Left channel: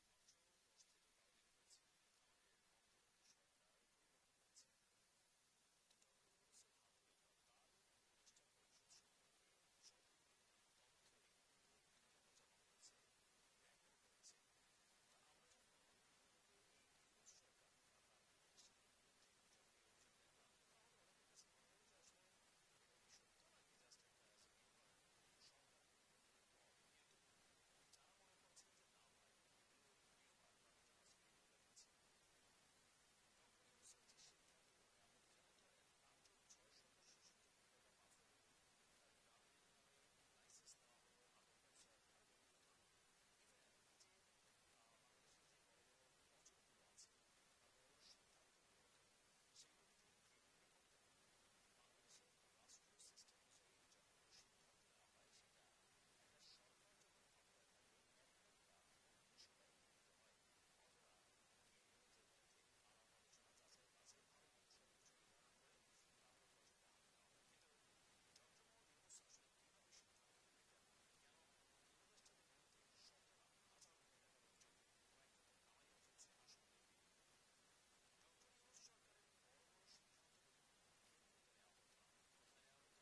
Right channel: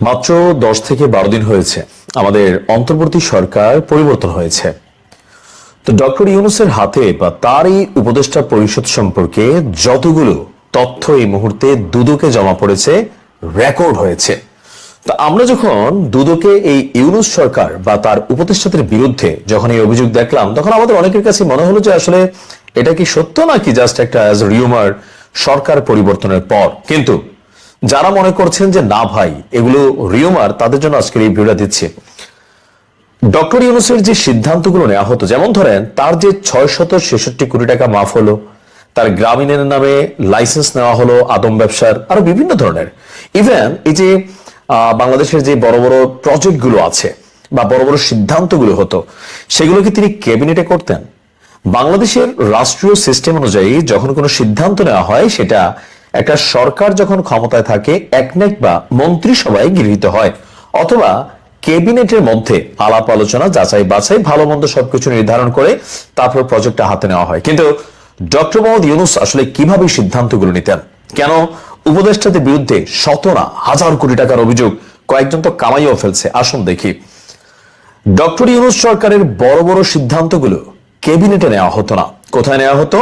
মাত্র 10 থেকে 12 দিন হয়েছে আমাদের অন্তর্বর্তী সরকার পরিবর্তন হয়েছে। তো ডক্টর ইউনূসের হাতে বা তারই উপদেষ্টা পরিষদ সম্পর্কে যতগুলো তথ্য এই মুহূর্তে দুদকে জমা পড়েছে, রেকর্ড হয়েছে। তো আমরা যখন দুদকে এই ইউনূস সরকার বা তার উপদেষ্টাদের বিরুদ্ধে যখন এই অভিযোগ দেখলাম, তখন আমাদের অনেকের কাছে মনে হলো যে আসলে এটা কি সত্য নাকি জাস্ট একটা রিউমার সরকার পরিবর্তনের পর। কিন্তু যারা মনে করছেন যে না ভাই এগুলো রিউমার, তাদের জন্য আজকের এই ভিডিওটা দিচ্ছি। ডক্টর ইউনূসের যে সিদ্ধান্তগুলো নেওয়া হতো, যেমন ধরেন তার যে 666 কোটি টাকা মাফ হলো, তার গ্রামীণের নামে লাইসেন্স নেওয়া হলো আদম ব্যবসার, আরো বিভিন্ন ধরনের, ইভেন এই যে বাংলাদেশের যে বড় বড় প্রজেক্ট গুলো আছে বা বড় বড় সিদ্ধান্তগুলো হতো, সেগুলো কি তিনি ক্যাবিনেটে করতেন? বাংলাদেশের রাষ্ট্রীয় সিস্টেম অনুযায়ী যখন কোনো সিদ্ধান্ত নেওয়া হয়, সেটা একটা সরকার যখন ক্ষমতায় থাকে একনেক বা মন্ত্রিসভায় গৃহীত হয়, অথবা ক্যাবিনেটের মধ্যে আলাপ আলোচনা, যাচাই বাছাই, ভালো মন্দ সবকিছু নির্ধারণ করে তারপর প্রজেক্টটা হাতে নেওয়া হয়। কিন্তু ডক্টর মোহাম্মদ ইউনূস আসলে কিভাবে সিদ্ধান্তগুলো নিতেন? কেন উপদেষ্টাদের বিরুদ্ধে শত না হাজার কোটি টাকার অভিযোগ? কয়েকজন তো কামাইও ফেলছে, আসুন দেখি। ডক্টর ইউনূস সরকারের বড় বড় সিদ্ধান্তগুলো ক্যাবিনেটে নেওয়া হতো না। কোথায় নেওয়া হতো?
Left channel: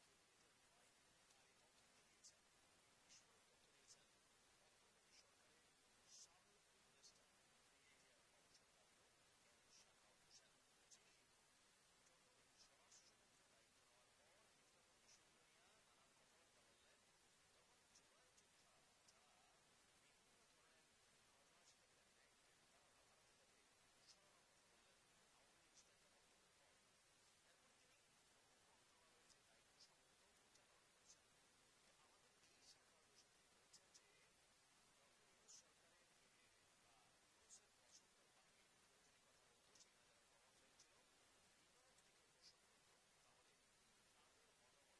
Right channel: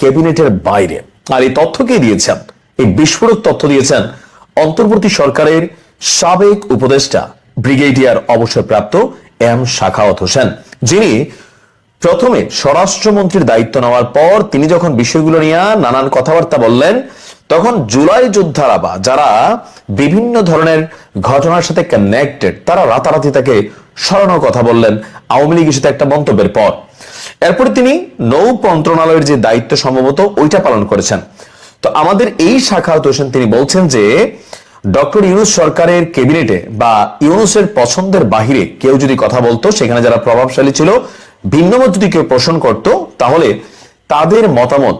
ক্যাবিনেটের বাইরে। আর এই তথ্য কে দিয়েছেন? এই বিস্ফোরক তথ্য দিয়েছেন অন্তর্বর্তী সরকারের সাবেক উপদেষ্টা ব্রিগেডিয়ার অবসরপ্রাপ্ত এম শাখাওয়াত হোসেন, যিনি প্রথমে স্বরাষ্ট্রমন্ত্রীর দায়িত্ব নেওয়ার পর তিনি যখন বিষয়গুলো নিয়ে নানান কথাবার্তা বললেন, তখন জুলাই যোদ্ধারা বা যারা বিভিন্ন ধরনের ঘটনার সাথে কানেক্টেড, তারা রাতারাতি তাকে সরানোর কথা বললেন আওয়ামী লীগ ইস্যুতে একটা মন্তব্যের পর। এরপরে তিনি নৌ মন্ত্রণালয়ের যে দায়িত্ব সম্ভবত ওইটা পালন করেছেন। তো আমাদের এই শাখাওয়াত হোসেন তিনি বলছেন যে ডক্টর ইউনূস সরকারের ক্যাবিনেটে বা ইউনূসের পছন্দের বাহিরে কেউ যদি কথা বলতো, সেখানে যারা প্রভাবশালী ছিল, ভিন্নমত যদি কেউ পোষণ করত, তাহলে তাদের মতামত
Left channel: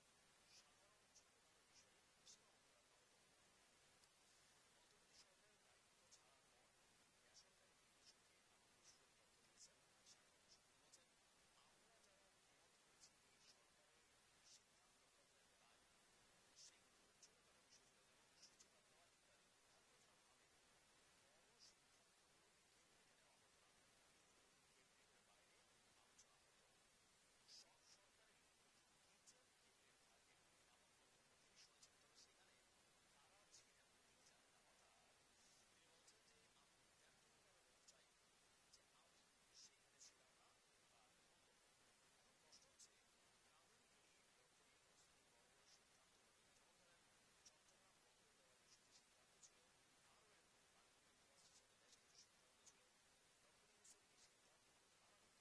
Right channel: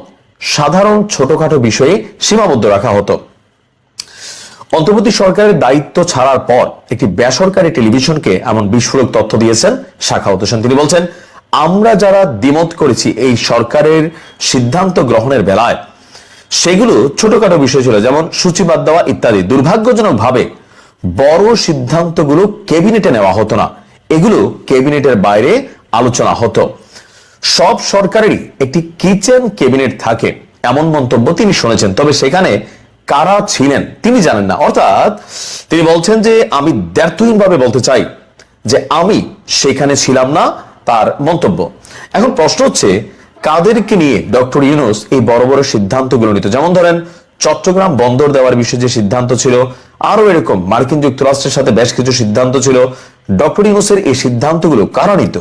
সাধারণ ছোটখাটো বিষয়ে সীমাবদ্ধ রাখা হতো। অন্তর্বর্তী সরকারের দায়িত্ব ছাড়ার পর একটি বেসরকারি টেলিভিশনকে এমন বিস্ফোরক তথ্য দিয়েছেন শাখাওয়াত হোসেন। তিনি বলছেন, আমরা যারা দ্বিমত করেছি এই সরকারের সিদ্ধান্ত গ্রহণের বেলায়, সেগুলো ছোটখাটো বিষয় ছিল, যেমন সূচিবাদ দেওয়া ইত্যাদি। দুর্ভাগ্যজনক ভাবে বড় সিদ্ধান্তগুলো ক্যাবিনেটে নেওয়া হতো না, এগুলো ক্যাবিনেটের বাইরে আলোচনা হতো। সব সরকারেরই একটি কিচেন ক্যাবিনেট থাকে, এমন মন্তব্য তিনি শুনেছেন, তবে সেখানে কারা ছিলেন তিনি জানেন না। অর্থাৎ তিনি বলছেন যে আমি দ্ব্যর্থহীন ভাবে বলতে চাই যে আমি সেখানে ছিলাম না, তার মন্তব্য। এখন প্রশ্ন হচ্ছে, কাদেরকে নিয়ে ডক্টর ইউনূস এই বড় বড় সিদ্ধান্তগুলো নিত? যেমন ধরেন চট্টগ্রাম বন্দর দেওয়ার বিষয়ে যে সিদ্ধান্ত ছিল, আরো এরকম মার্কিন যুক্তরাষ্ট্রের সাথে বেশ কিছু সিদ্ধান্ত ছিল। ডক্টর ইউনূসের এই সিদ্ধান্তগুলো কারা নিত?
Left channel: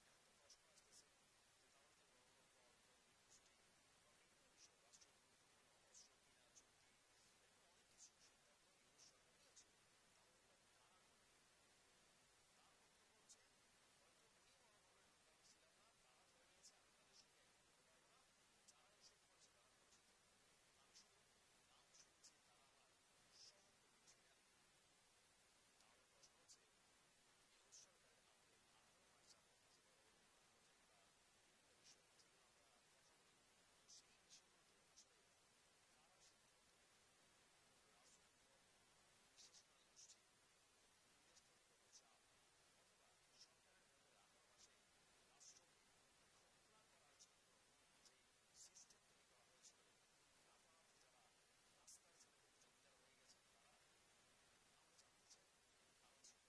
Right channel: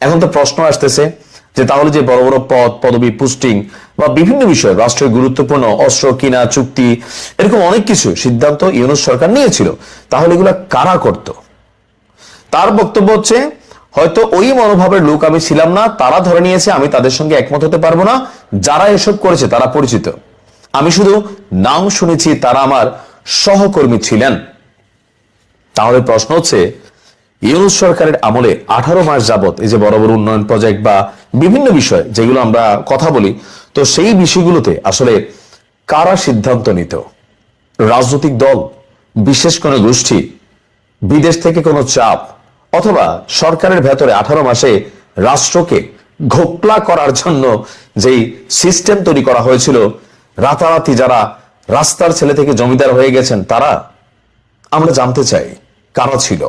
এখন তো প্রশ্ন আসতেছে যে তাহলে যে বড় বড় পদ, পদবি, পোস্টিং বা বিভিন্ন বিষয়, রাষ্ট্রের গুরুত্বপূর্ণ অস্ত্র কিনা, চুক্তি, এরকম অনেক কিছু সিদ্ধান্ত ইউনূস সরকার নিয়েছিল, তাহলে এগুলা কারা করত? তার বক্তব্য হচ্ছে, হয়তো ওই মনোভাবের লোক আমি ছিলাম না, তারা ধরে নিয়েছে আমি তাদের সঙ্গে একমত হতে পারবো না। যারা এসব করেছে তারা পরিচিত, আমি শুধু নাম শুনেছি, তারা আমার সহকর্মী ছিলেন। তাহলে প্রশ্ন হচ্ছে, ইউনূস সরকারের আমলে 18 মাস যাবত এই যে বড় বড় উন্নয়ন প্রজেক্ট বা বিভিন্ন বিষয় যেগুলো আমরা কথা বলি, তো সেই বিষয়গুলোতে আসলে কারা সিদ্ধান্ত নিত? রাজনৈতিক দল, বিশেষ কোনো গোষ্ঠী, বিদেশ থেকে কোনো চাপ, অথবা সরকারের ভেতরে 18 মাসে রাষ্ট্রকে ঘোকলা করার জন্য যেই সিস্টেম তৈরি করা হয়েছিল, রাতারাতি যারা রাস্তার ছেলে থেকে জমিদার হয়ে গেছেন তারা? আমরা জানতে চাই কারা ছিল।